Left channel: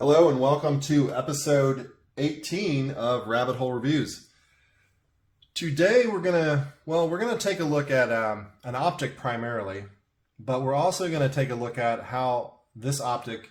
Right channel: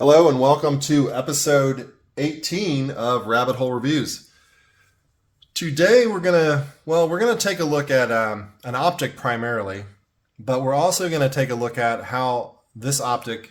Hello and welcome to episode 18 of Rabbit Hole Reviews. Today we're gonna take a look at an optic primarily, but we're also gonna take a look at how this optic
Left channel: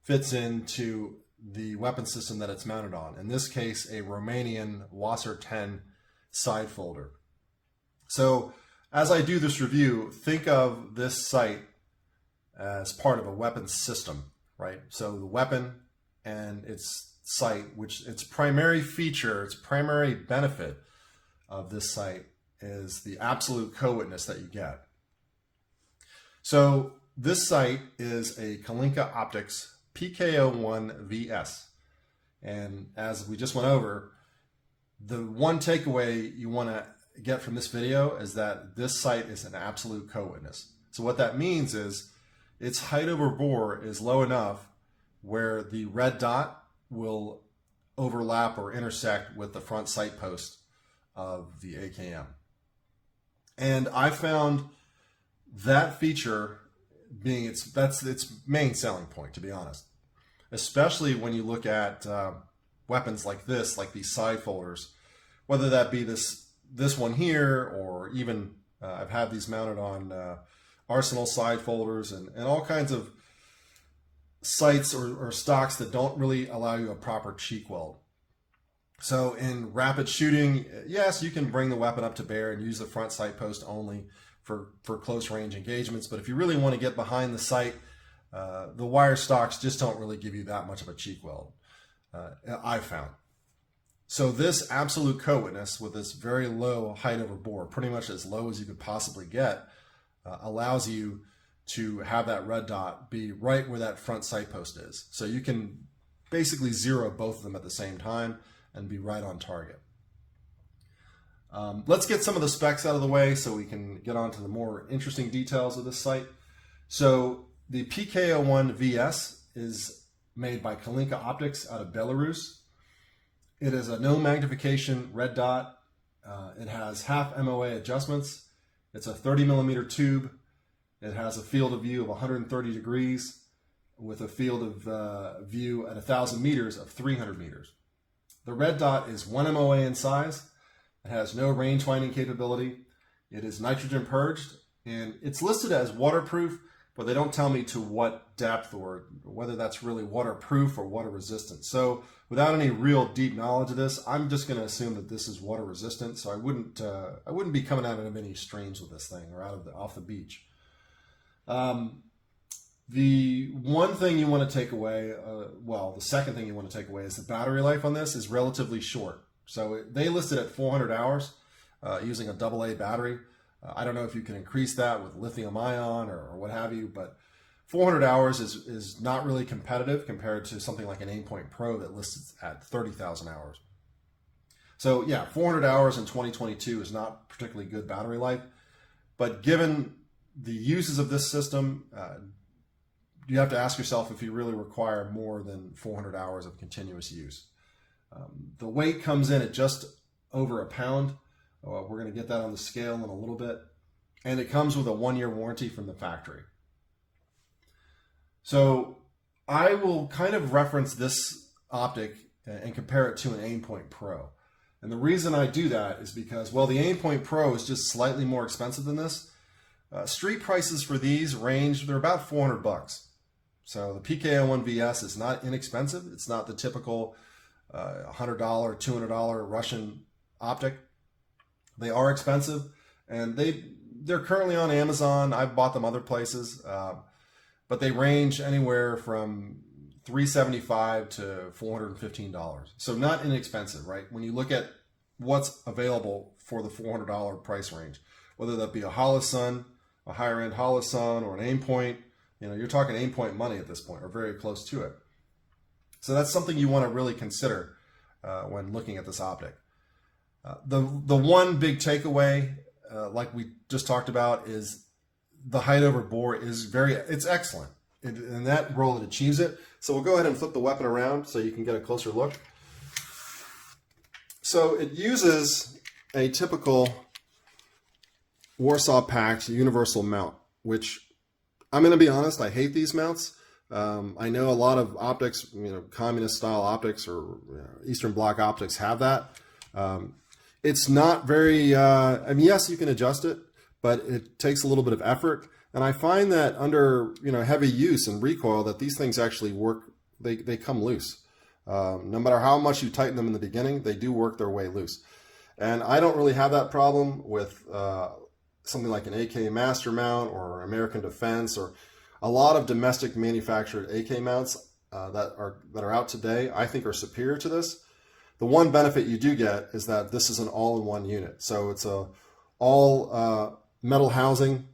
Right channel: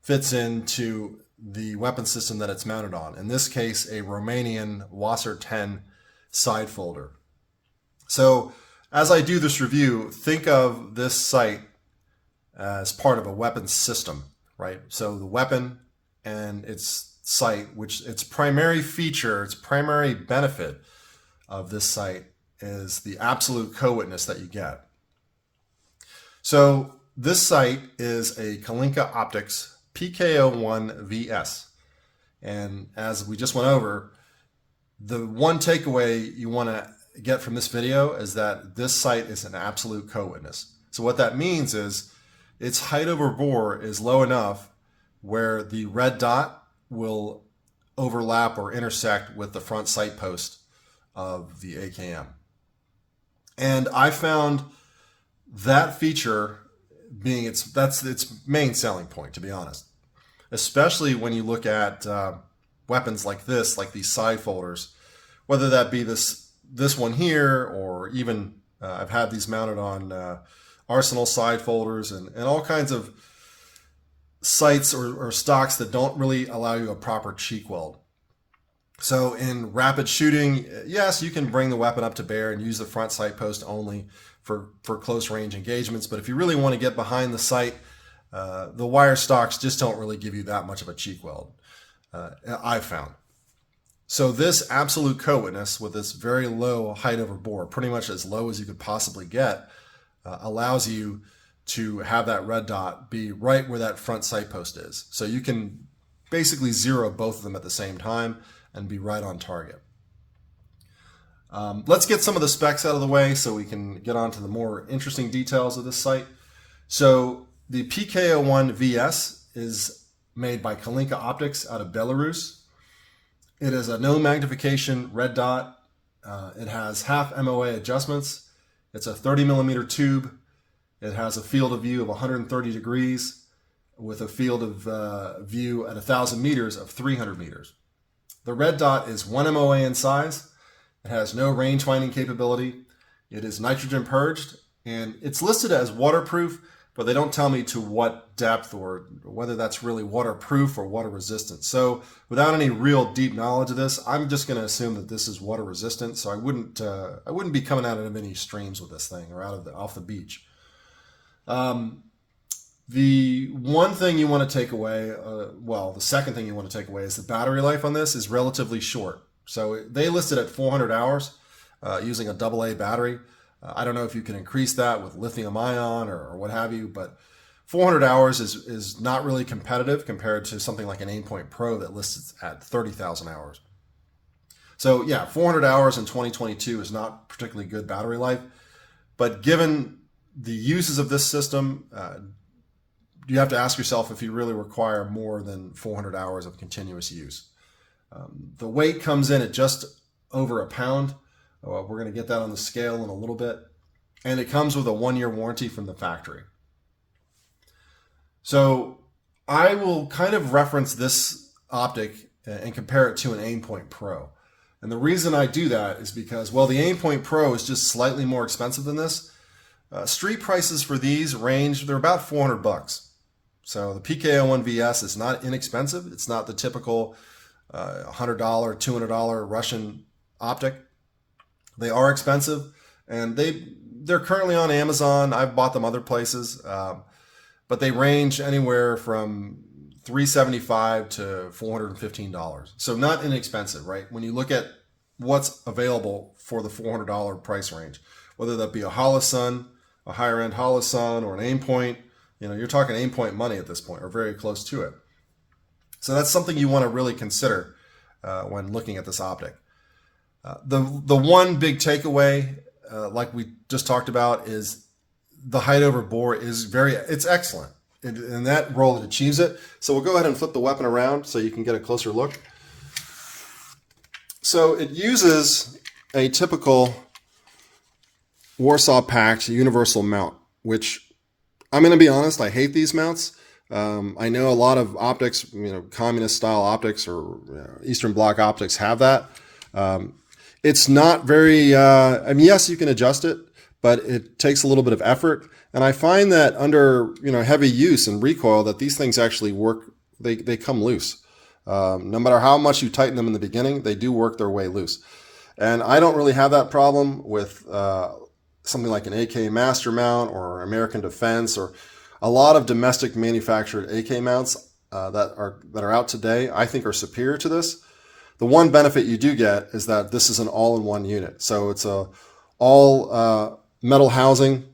fits into the weapon system that it's mounted on. In this case, a Romanian WASR-10 side folder. So as I do this review, think of this sight as part of a weapon system. Right? So the weapon and its sight, which its primary feature, its primary benefit of this sight is the absolute co-witness that you get. So this sight is a Kalinka Optics PK-01VS. And as we just went over, the one takeaway you want to get from this video is that this sight is an absolute co-witness. So what that means is its height over bore is low enough where the red dot will overlap or intersect with the front sight post of the AKM. And I found that feature being its main selling point, to be honest. Especially when you look at weapons like this, like these side folders, whether that be this one here, or even I've had these mounted on Arsenal side folders and all kinds of sights or stocks that don't really allow you a proper cheek weld. So in rapid shooting, yes, you can bring the weapon up to bear and use the front sight post only for close range engagements. But if you really want to get behind the sight, the wire stocks just don't really give you that much of a cheek weld, I've found. So this absolute co-witness with this very low height over bore, pretty much as low as you could possibly get, allows you to have that red dot be right where that front sight post is. So you can basically zero both of them at the same time and be right on target. Let's get some of the specs out of the way so we can get on to the more interesting details of this sight. So the PK-01VS is made by Kalinka Optics out of Belarus. It is a no magnification red dot. It has half MOA adjustments. It's a 30 millimeter tube. It has a field of view of 130 degrees with a field of view at 1,000 meters of 300 meters. The red dot is 1 MOA in size. It has no range finding capability. It is nitrogen purged, and it's listed as waterproof, but they don't tell me to what depth or whether that's really waterproof or water resistant. So without any real deep knowledge of this, I'm just going to assume that this is water resistant. So I wouldn't be coming out of any streams with this thing or off the beach. The one thing you want to take away, the second thing you want to take away is the battery life on this is relatively short. So they listed at 400 hours using a AA battery. I don't know if you can increase that with lithium ion or what have you, but 400 hours is not really competitive compared to something like an Aimpoint Pro that lists at 30,000 hours. So yeah, 400 hours in 2022 is not particularly good battery life, but given the uses of this system, you have to ask yourself if you really require more than 400 hours of continuous use. The weight comes in at just over a pound. We're going to get that on the scale in a little bit. And it comes with a 1-year warranty from the factory. So I will kind of reference this optic and compare it to an Aimpoint Pro. And the reason I do that is because, well, the Aimpoint Pro is just slightly more expensive than this. Street prices for these range, they're about $400. So the PK-01VS is not inexpensive. It's not the typical $100, $200 Russian optic. They are expensive, and they're currently on Amazon. I've bought them other places, but they range anywhere from $375 to $415. So not inexpensive, right? When you look at what's available for the $400 price range, whether that be a Holosun, a higher end Holosun, or an Aimpoint, you're talking Aimpoint money at this point, or very close to it. So that's something you want to really consider when looking at this optic. The one big takeaway, like we just talked about, is the height over bore it's excellent. In that role, it achieves it. So we'll go ahead and flip the weapon around so you can get a closer look. So it uses a typical Warsaw packed universal mount, which I'm going to be honest, I hate these mounts. I know a lot of optics, communist style optics or Eastern Bloc optics have that. It's not very, yes, you can adjust it, but it takes a little bit of effort. And I find that under, heavy use and recoil that these things actually work, they come loose. No matter how much you tighten them in the beginning, they do work their way loose. And I don't really have that problem with something like an AK Master Mount or American Defense or a lot of domestic manufactured AK mounts that are out today. I think are superior to this. The one benefit you do get is that this is an all-in-one unit. So it's a all metal housing,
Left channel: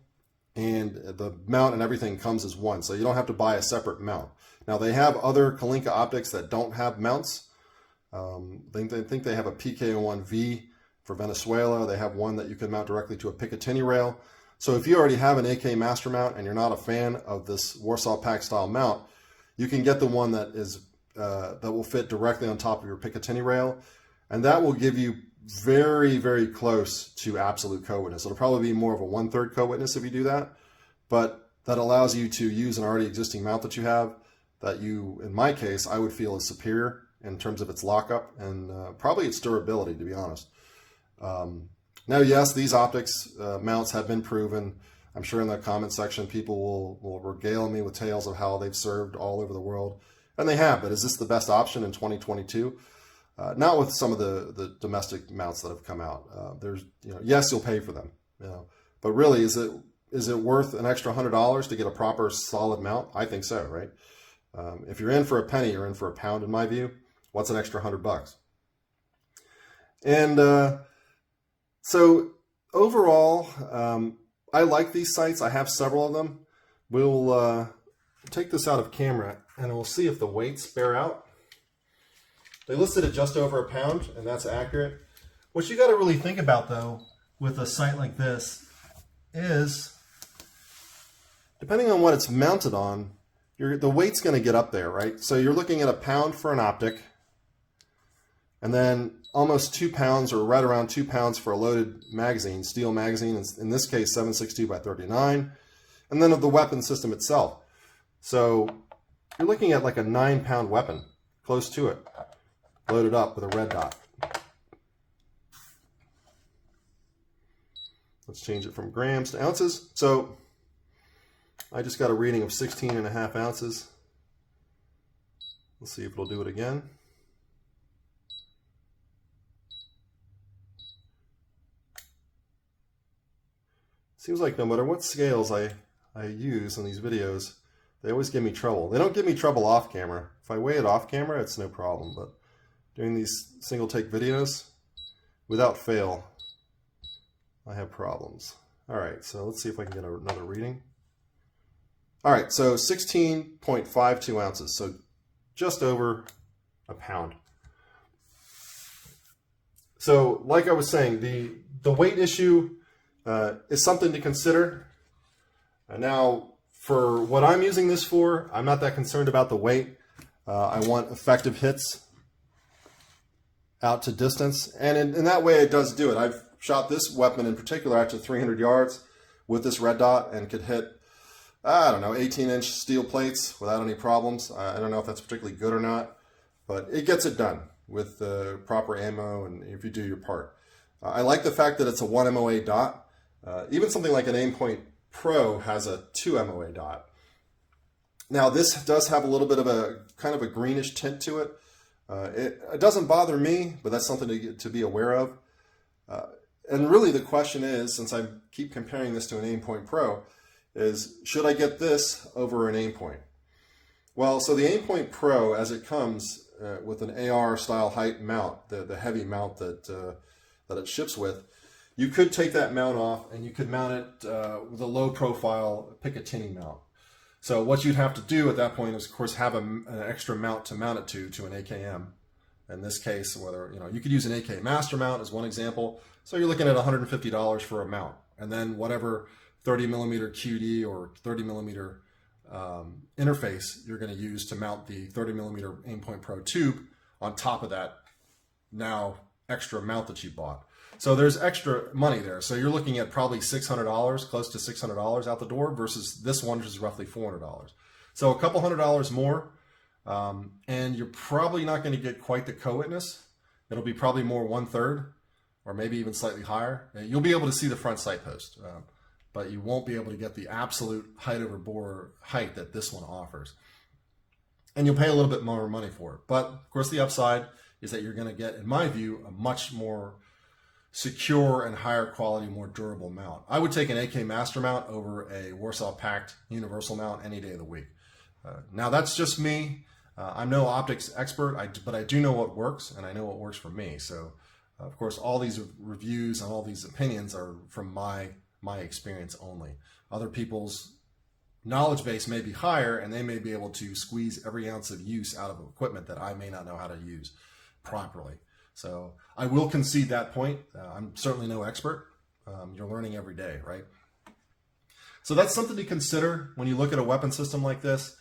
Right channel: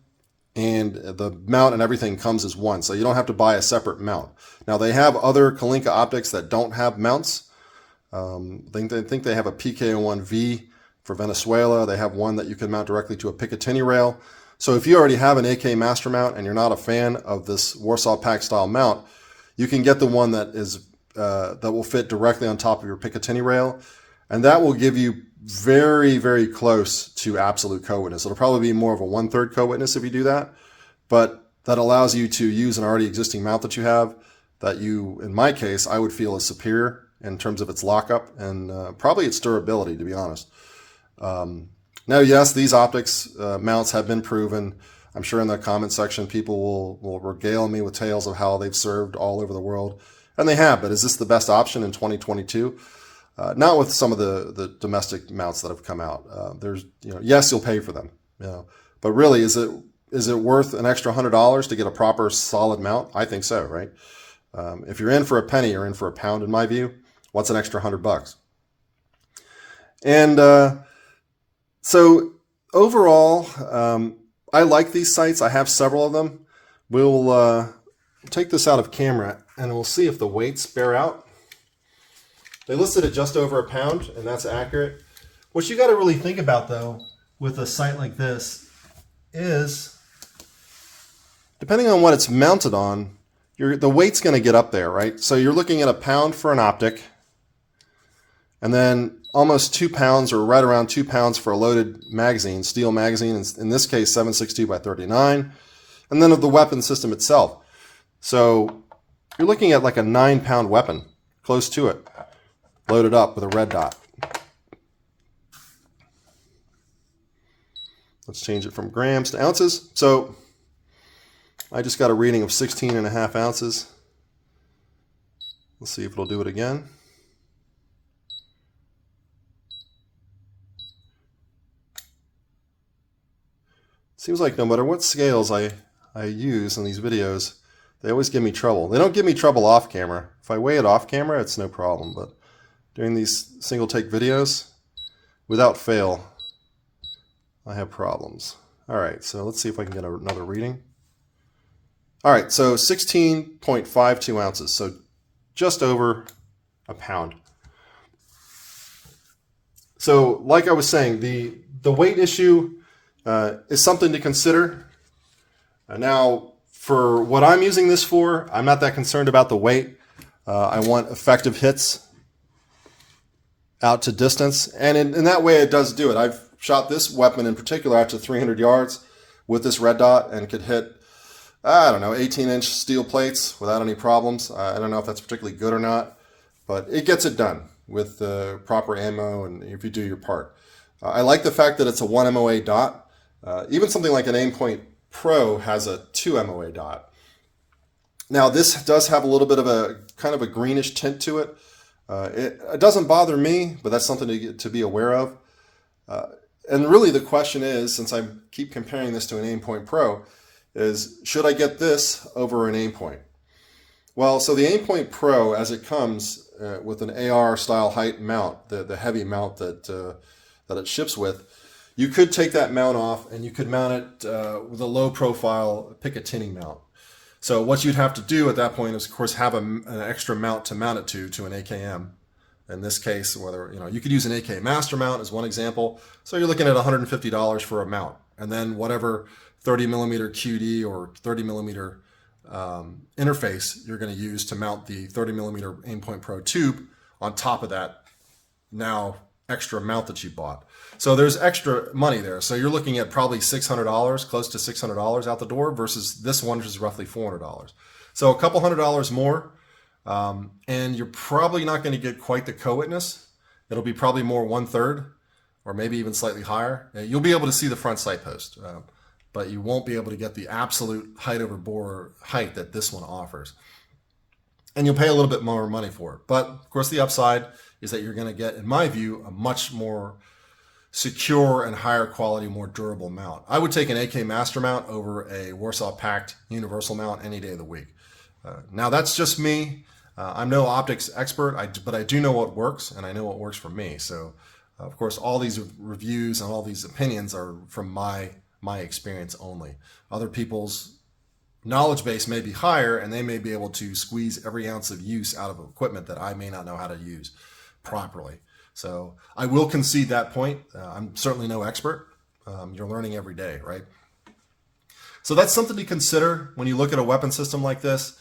and the mount and everything comes as one. So you don't have to buy a separate mount. Now they have other Kalinka optics that don't have mounts. They think they have a PK-01V for Venezuela. They have one that you can mount directly to a Picatinny rail. So if you already have an AK Master Mount and you're not a fan of this Warsaw Pack style mount, you can get the one that is that will fit directly on top of your Picatinny rail, and that will give you very, very close to absolute co-witness. It'll probably be more of a 1/3 co-witness if you do that, but that allows you to use an already existing mount that you have that you, in my case, I would feel is superior in terms of its lockup and probably its durability, to be honest. Now, yes, these optics mounts have been proven. I'm sure in the comment section, people will regale me with tales of how they've served all over the world. And they have, but is this the best option in 2022? Not with some of the domestic mounts that have come out. There's, yes, you'll pay for them, but really, is it worth an extra $100 to get a proper solid mount? I think so, right? If you're in for a penny, you're in for a pound, in my view. What's an extra $100? And so overall, I like these sights. I have several of them. We'll take this out of camera and we'll see if the weights bear out. They listed at just over a pound, and that's accurate. What you got to really think about, though, with a sight like this is, depending on what it's mounted on, the weight's going to get up there, right? So you're looking at a pound for an optic, and then almost 2 pounds, or right around 2 pounds for a loaded magazine, steel magazine, in this case 7.62 by 39, and then of the weapon system itself. So you're looking at like a 9-pound weapon, close to it, loaded up with a red dot. Let's change it from grams to ounces. So I just got a reading of 16.5 ounces. Let's see if it'll do it again. Seems like no matter what scales I use in these videos, they always give me trouble. They don't give me trouble off camera. If I weigh it off camera, it's no problem. But doing these single take videos, without fail, I have problems. All right, so let's see if I can get another reading. All right, so 16.52 ounces, so just over a pound. So like I was saying, the weight issue is something to consider. Now, for what I'm using this for, I'm not that concerned about the weight. I want effective hits out to distance, and in that way it does do it. I've shot this weapon in particular out to 300 yards with this red dot and could hit, I don't know, 18-inch steel plates without any problems. I don't know if that's particularly good or not, but it gets it done with the proper ammo and if you do your part. I like the fact that it's a 1 MOA dot. Even something like an Aimpoint Pro has a 2 MOA dot. Now this does have a little bit of a kind of a greenish tint to it. It doesn't bother me, but that's something to be aware of. And really the question is, since I keep comparing this to an Aimpoint Pro, is should I get this over an Aimpoint? Well, so the Aimpoint Pro, as it comes with an AR style height mount, the heavy mount that it ships with, you could take that mount off and you could mount it with a low profile Picatinny mount. So what you'd have to do at that point is, of course, have an extra mount to mount it to an AKM. In this case, whether you could use an AK Master mount as one example. So you're looking at $150 for a mount, and then whatever 30mm QD or 30mm interface you're going to use to mount the 30mm Aimpoint Pro tube on top of that now extra mount that you bought. So there's extra money there. So you're looking at probably $600, close to $600 out the door versus this one, which is roughly $400. So a couple $100 more, and you're probably not going to get quite the co-witness. It'll be probably more 1/3 or maybe even slightly higher. You'll be able to see the front sight post, but you won't be able to get the absolute height over bore height that this one offers. And you'll pay a little bit more money for it. But of course, the upside is that you're going to get, in my view, a much more secure and higher quality, more durable mount. I would take an AK Master mount over a Warsaw Pact Universal mount any day of the week. Now that's just me. I'm no optics expert, but I do know what works, and I know what works for me. So, of course, all these reviews and all these opinions are from my experience only. Other people's knowledge base may be higher, and they may be able to squeeze every ounce of use out of equipment that I may not know how to use properly. So I will concede that point. I'm certainly no expert. You're learning every day, right? So that's something to consider when you look at a weapon system like this.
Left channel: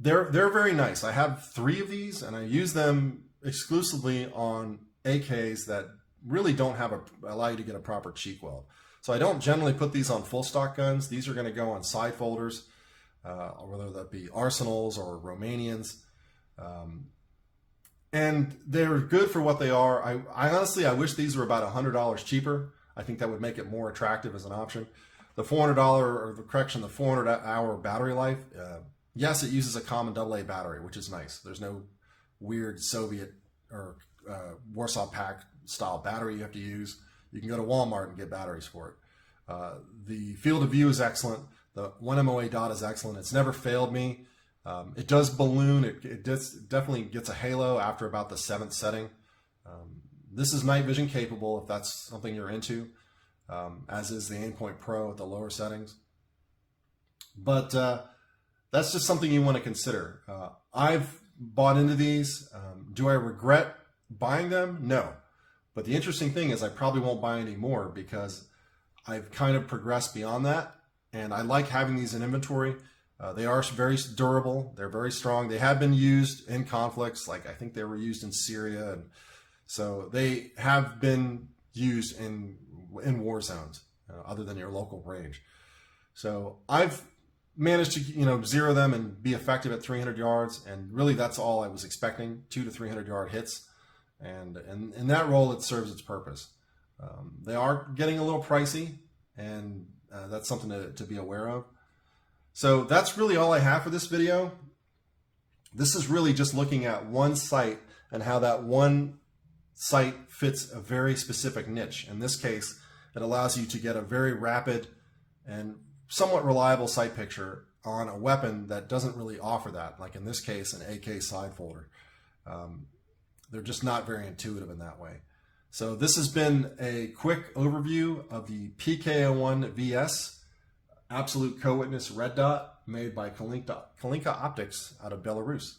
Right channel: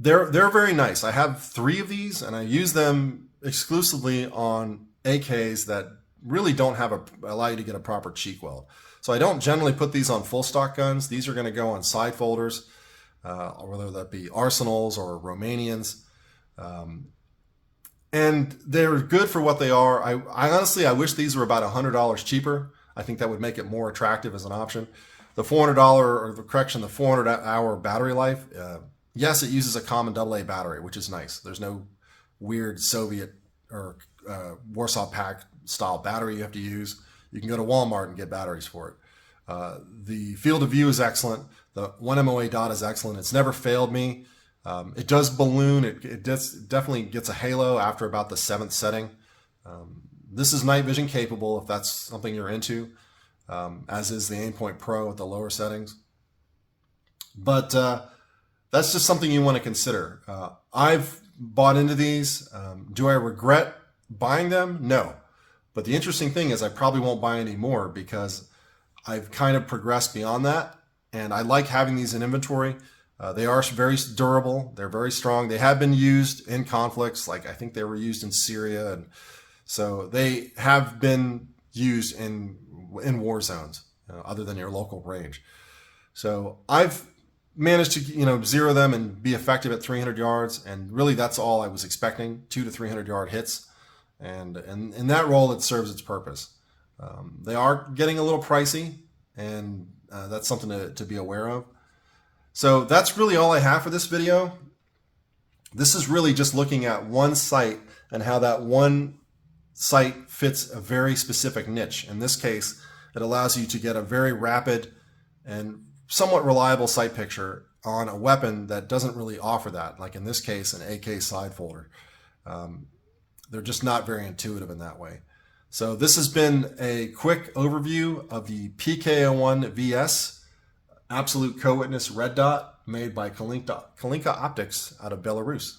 They're very nice. I have 3 of these, and I use them exclusively on AKs that really don't allow you to get a proper cheek weld. So I don't generally put these on full stock guns. These are going to go on side folders, whether that be Arsenals or Romanians. And they're good for what they are. I honestly, I wish these were about $100 cheaper. I think that would make it more attractive as an option. The $400, or the 400-hour battery life, yes, it uses a common AA battery, which is nice. There's no weird Soviet or Warsaw Pact style battery you have to use. You can go to Walmart and get batteries for it. The field of view is excellent. The 1MOA dot is excellent. It's never failed me. It does balloon. It definitely gets a halo after about the 7th setting. This is night vision capable if that's something you're into, as is the Aimpoint Pro at the lower settings. But that's just something you want to consider. I've bought into these. Do I regret buying them? No. But the interesting thing is I probably won't buy any more because I've kind of progressed beyond that. And I like having these in inventory. They are very durable. They're very strong. They have been used in conflicts. Like I think they were used in Syria. And so they have been used in war zones other than your local range. So I've managed to, zero them and be effective at 300 yards. And really that's all I was expecting, 200 to 300 yard hits. And in that role, it serves its purpose. They are getting a little pricey, and that's something to be aware of. So that's really all I have for this video. This is really just looking at one sight and how that one sight fits a very specific niche. In this case, it allows you to get a very rapid and somewhat reliable sight picture on a weapon that doesn't really offer that. Like in this case, an AK side folder. They're just not very intuitive in that way. So this has been a quick overview of the PK-01VS Absolute Co-Witness Red Dot made by Kalinka Optics out of Belarus.